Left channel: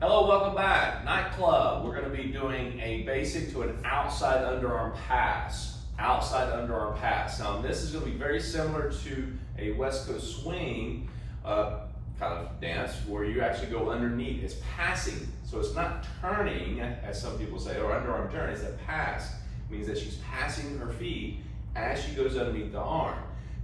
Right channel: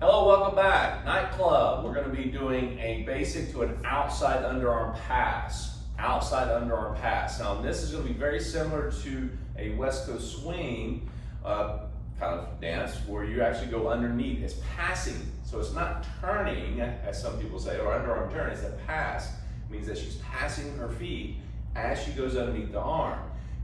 Hello, welcome back. Nightclub. We're going to be doing a basic to an outside underarm pass. Outside underarm pass. Now, this is going to be very similar to a West Coast swing kind of dance where you actually go underneath. It's passing. So it's not turning, as some people say, or underarm turn. It's a pass. It means that she's passing her feet as she goes underneath the arm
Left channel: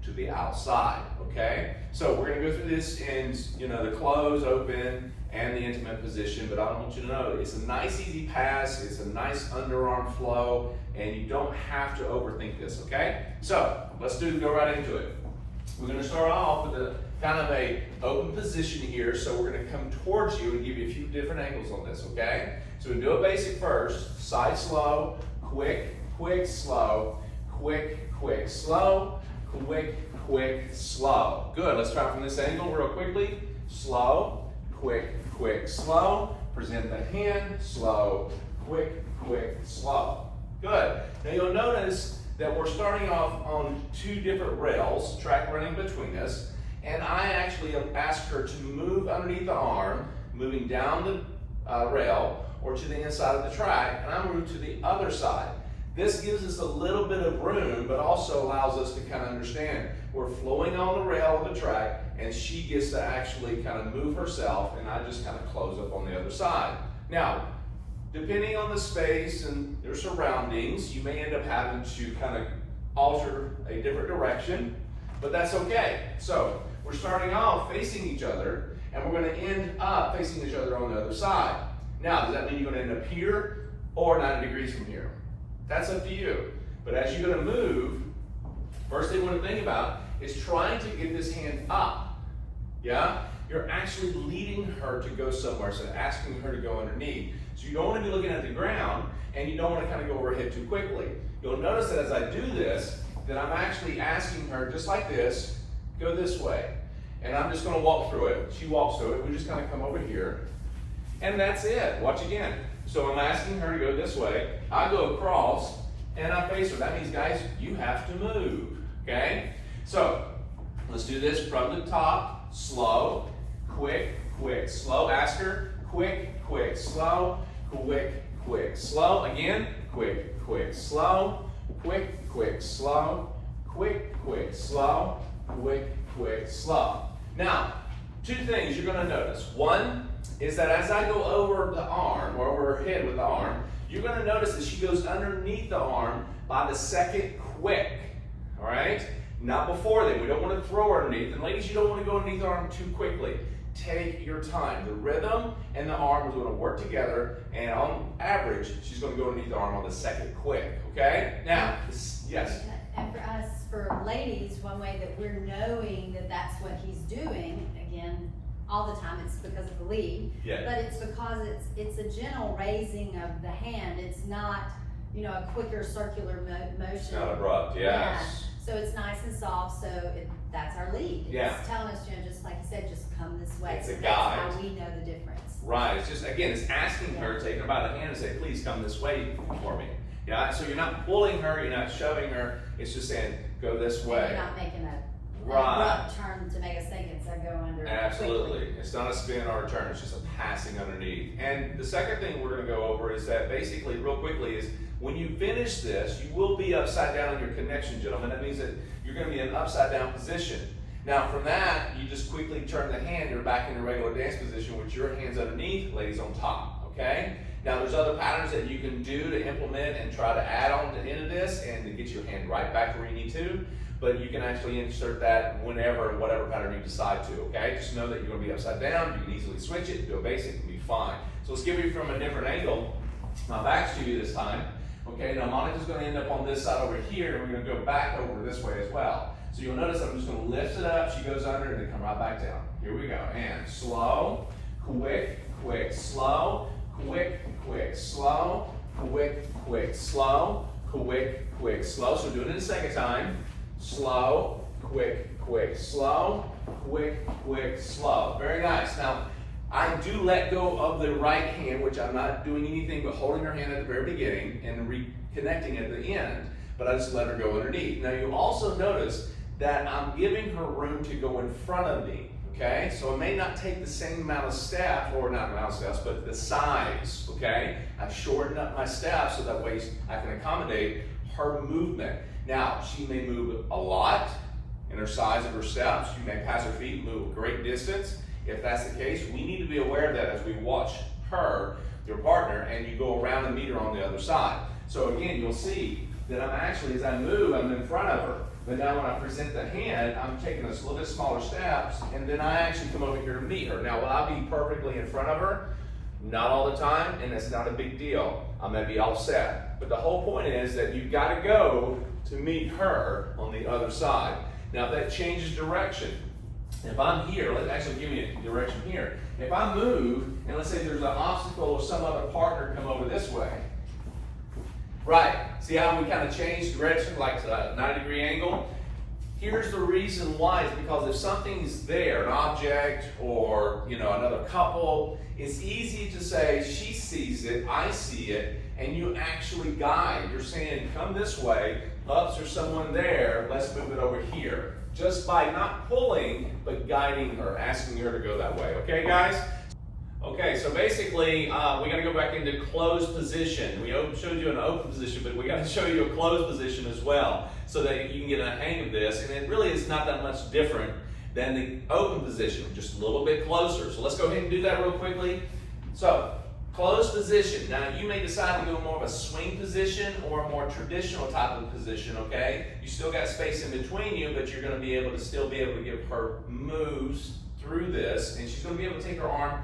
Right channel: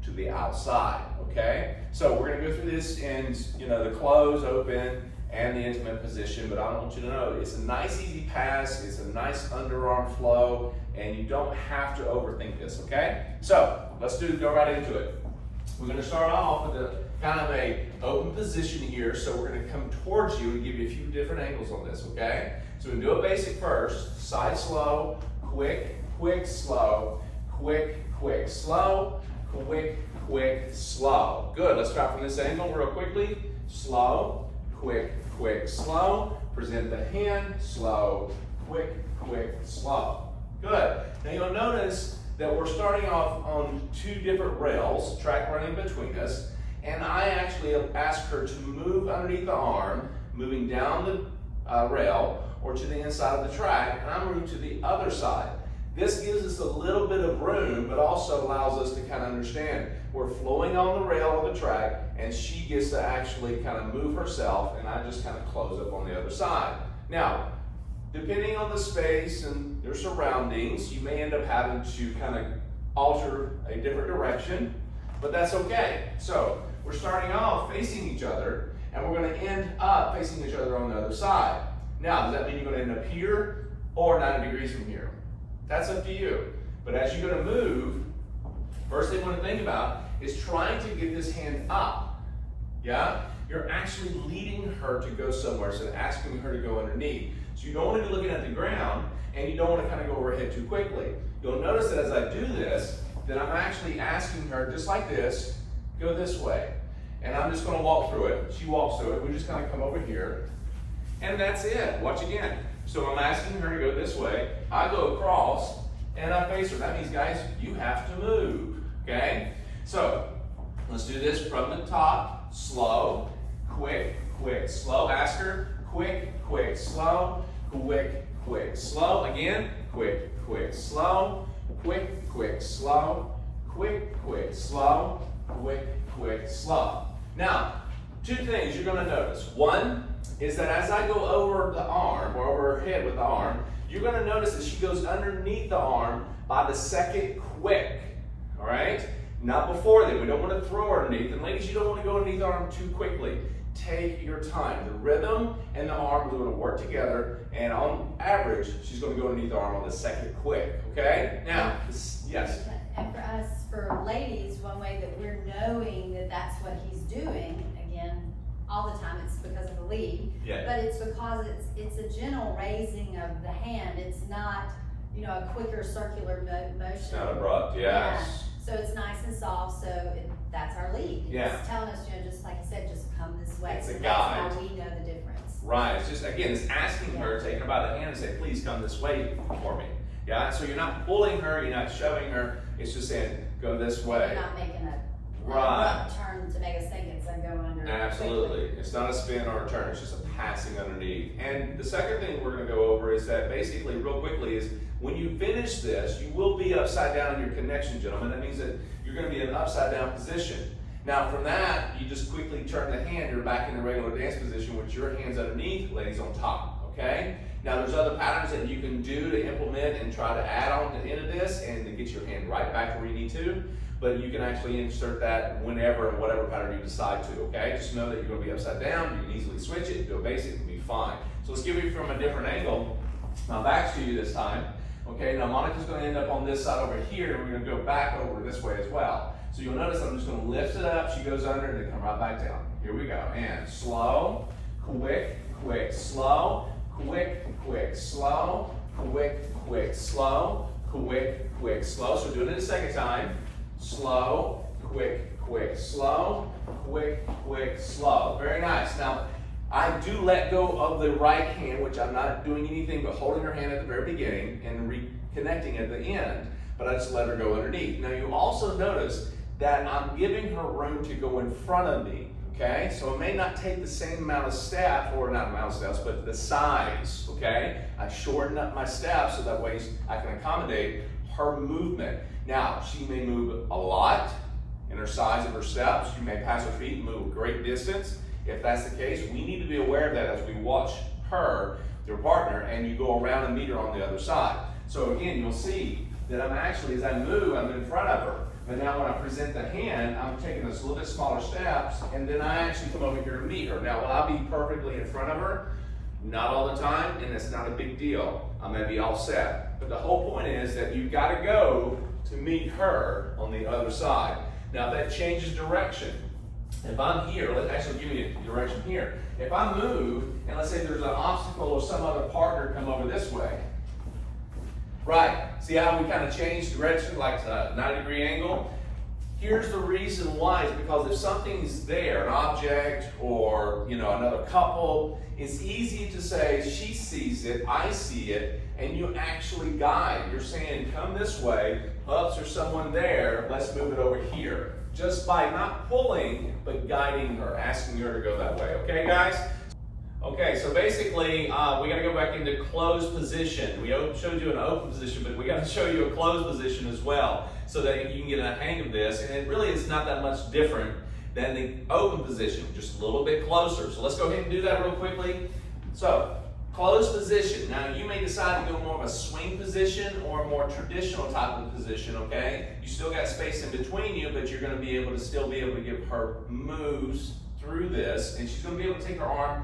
to the outside, okay? So we're going to go through this in, the close, open, and the intimate position, but I want you to know it's a nice easy pass, it's a nice underarm flow, and you don't have to overthink this, okay? So let's go right into it. We're going to start off with a kind of a open position here, so we're going to come towards you and give you a few different angles on this, okay? So we can do a basic first, side slow, quick, quick, slow, quick, quick, slow, quick, quick, slow. Good, let's try from this angle real quickly. Slow, quick, quick, slow. Present the hand, slow, quick, quick, slow. Good. Now you'll notice that we're starting off on two different rails, track running between us, and I actually ask her to move underneath the arm, moving down the rail or to the inside of the track, and I'm moving to the other side. This gives us a little bit of room, but also allows us to kind of understand we're flowing on the rail of the track, and she gets to actually kind of move herself, and I just kind of close up on the other side. Now, depending on the space and your surroundings, you may end up having to kind of alter a different direction, but that's okay. So we're starting off facing each other, and we're going to end up facing each other on the other side. Now, does that mean you're going to end up here or 90 degrees from here? That's up to you. But as you're going to move, first thing you want to think about is trying to get this hand up. Yeah? You're actually leading her to go somewhere, so asking her to go underneath. So you don't want to be looking at the ground, and you don't want to kind of go overhead too quickly. You'll notice that as I do this, that I'm actually asking her, just like this, go this way. And I'm just going to walk through it. She walks through it. We just kind of come over here. And that's it. Watch again. So I'm asking her to go this way. I go across, and I face her. That means, guys, you have to move, okay? So let's do this from the top. Slow, quick, quick, slow. Ask her, quick, quick, slow, quick, quick, slow. Again, quick, quick, slow, quick, quick, slow, quick, quick, slow, quick, quick, slow. Now, two things you're going to notice. One is that as I go over the arm, or over her head with the arm, you're going to notice that she goes underneath the arm by the second quick, all right? Not before then. We don't want to throw her underneath. And ladies, you don't want to go underneath the arm too quickly. Take your time. The rhythm and the arm are going to work together, and on average, she's going to go underneath the arm on the second quick, okay? Now, yes? And for us, for ladies, one way that we're knowing that that's what he's doing, again, all the time it's because of the lead, but it's because it's a gentle raising of the hand. It's not, a quicker circular motion. It's not abrupt, yes. So it's nice and soft, so that's our lead. It's telling us, just like you said, just come this way. It's so a that's guide. how we know the difference. Right, it's just, again, it's asking her, taking her by the hand and say, please come this way for me. Yeah, so you're not pulling her, you're not shoving her, it's just saying, go this way. You're not making an abrupt turn to make us think it's a go under. Absolutely. Quickly. It's not a spin or a turn, it's just a passing underneath. And the second thing we're going to go over is that basically, real quickly, is when you finish this, you will be upside down in your connection, gentlemen. That means that you're going to be in an upside down position. Now from that, you just quickly turn the hand, you're back in the regular dance position with your hands underneath, ladies on top, okay? Now there's other patterns that you can do to implement and try to add on to the end of this and to get your hand right back where you need to. But you can actually insert that whenever and whatever pattern you decide to, okay? Just know that you're going to be upside down. You can easily switch it, do a basic, and be fine. So let's give you from a different angle. My back's to you this time. Okay, now Monica's going to end up on this side over here, and we're going to go back over this way as well. So you'll notice I'm just going to lift it up. She goes under, and then come right back down. Here we go. And slow, quick, quick, slow, quick, quick, slow, quick, quick, slow, quick, quick, slow. So do it a second time. Slow, quick, quick, slow, quick, quick, slow. Very nice. Now, I do let go of the right hand, which I'm not doing anything but holding her hand at the very beginning and reconnecting at the end, but I just let her go underneath. Now, you also notice that I'm giving her room to go in front of me, okay? So it may not take the same amount of steps, or not amount of steps, but the size, okay? I shorten up my steps so that way I can accommodate her movement. Now, she may move a lot in her size of her steps. She may pass her feet, move a great distance. If that's the case, we need to be aware of that as we watch her, your partner, and you go around and meet her on the other side. So again, you'll see that I'm actually, as I move, I'm in front of her. But now when I present the hand, I'm taking this little bit smaller steps, and then I actually come over here to meet her. Now, will I be perfectly in front of her? Not all the time, and it's not a big deal. I'm gonna be all set. But the whole point is that you've gotta go to meet her on the other side. Now, if that changes direction, if I'm here, let's actually give you a direction here. If I move, and let's say there's an obstacle or some other partner come over this way, right, see how we kind of change direction, like a 90-degree angle? Here's the reason why, is because if something's there, an object or another couple, it's easy to say, she sees it, I see it, and you actually guide. You're saying, come this way, ups, there's someone there, let's move it over here. Just by not pulling, but guiding her, asking her to go that way. Okay, guys? Okay, so basically, we got to go back into closed position. We showed you an open position, but we got to show you a closed position as well, so that you can get a hang of this. And it really is not that much different than the open position, just a little bit closer. So let's go ahead and do that real quickly. So, closed position. Now, you may decide to go more of a swing position or a more traditional type of position, okay? You still got space in between you, but you're going to be able to still be able to give her moves through this, and she's going to be able to take her arm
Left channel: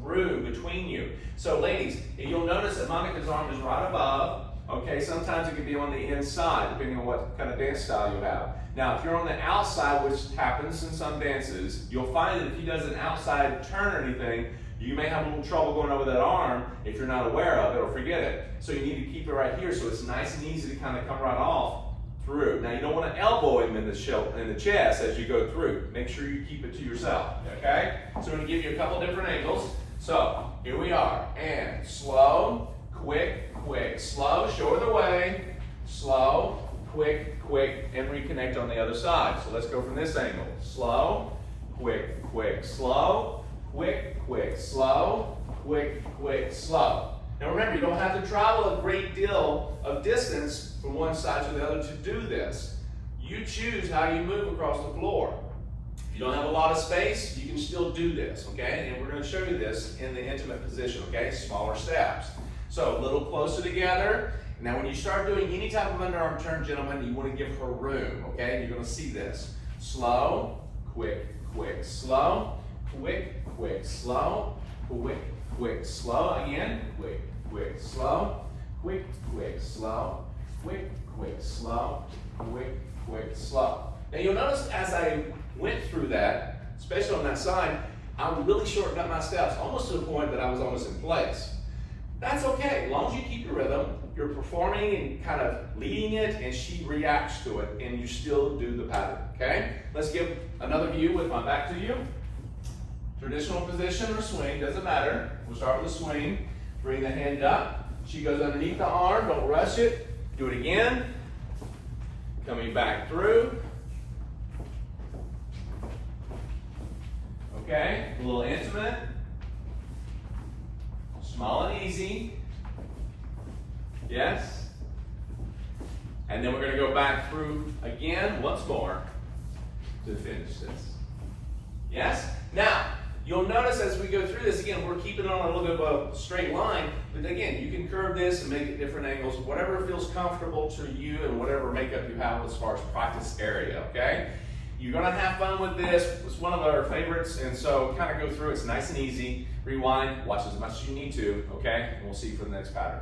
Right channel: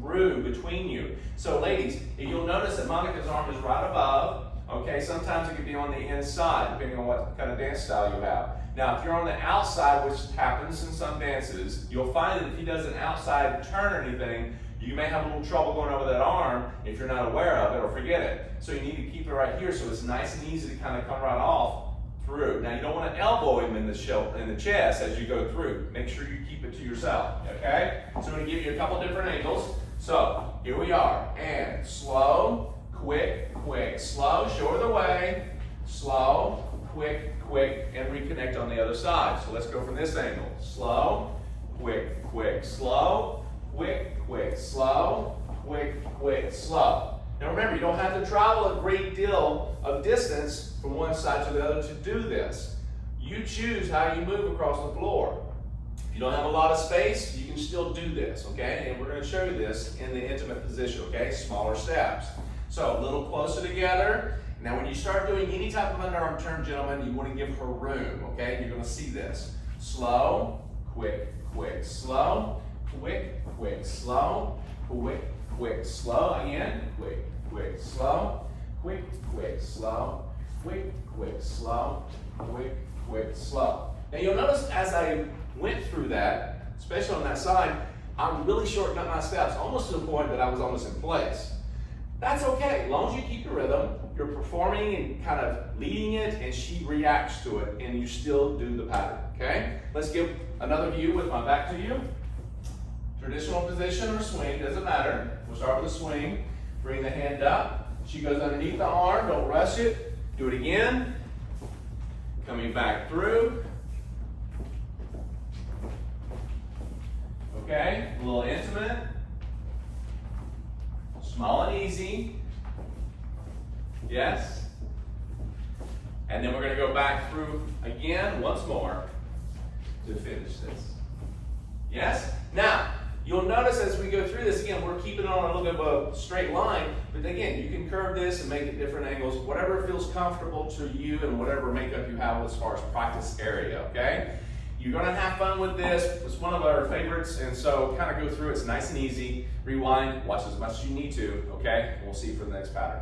through between you. So ladies, you'll notice that Monica's arm is right above. Okay, sometimes it could be on the inside, depending on what kind of dance style you have. Now, if you're on the outside, which happens in some dances, you'll find that if he does an outside turn or anything, you may have a little trouble going over that arm if you're not aware of it or forget it. So you need to keep it right here so it's nice and easy to kind of come right off through. Now, you don't want to elbow him in the chest as you go through. Make sure you keep it to yourself, okay? So I'm going to give you a couple different angles. So here we are, and slow, quick, quick, slow, show her the way, slow, quick, quick, and reconnect on the other side. So let's go from this angle. Slow, quick, quick, slow, quick, quick, slow, quick, quick, slow. Now remember, you don't have to travel a great deal of distance from one side to the other to do this. You choose how you move across the floor. If you don't have a lot of space, you can still do this, okay? And we're going to show you this in the intimate position, okay? Smaller steps. So a little closer together. Now when you start doing any type of underarm turn, gentlemen, you want to give her room, okay? You're going to see this. Slow, quick, quick, slow, quick, quick, slow, quick, quick, slow. Again, quick, quick, slow, quick, quick, slow, quick, quick, slow, quick, quick, slow. Now you'll notice as I went through that, especially on that side, I really shortened up my steps, almost to the point that I was almost in place. That's okay, as long as you keep the rhythm, you're performing and kind of leading it, and she reacts to it, and you still do the pattern, okay? Let's give another view with my back to you. Traditional position or swing, doesn't matter. We'll start with the swing. Bring the hand up. She goes underneath the arm, don't rush it. Do it again. Coming back through. Okay, a little intimate. Small and easy. Yes. And then we're going to go back through again once more to finish this. Yes? Now, you'll notice as we go through this, again, we're keeping it on a little bit of a straight line, but again, you can curve this and make it different angles, whatever feels comfortable to you and whatever makeup you have as far as practice area, okay? You're gonna have fun with this. It's one of our favorites, and so kind of go through. It's nice and easy. Rewind, watch as much as you need to, okay? And we'll see you for the next pattern.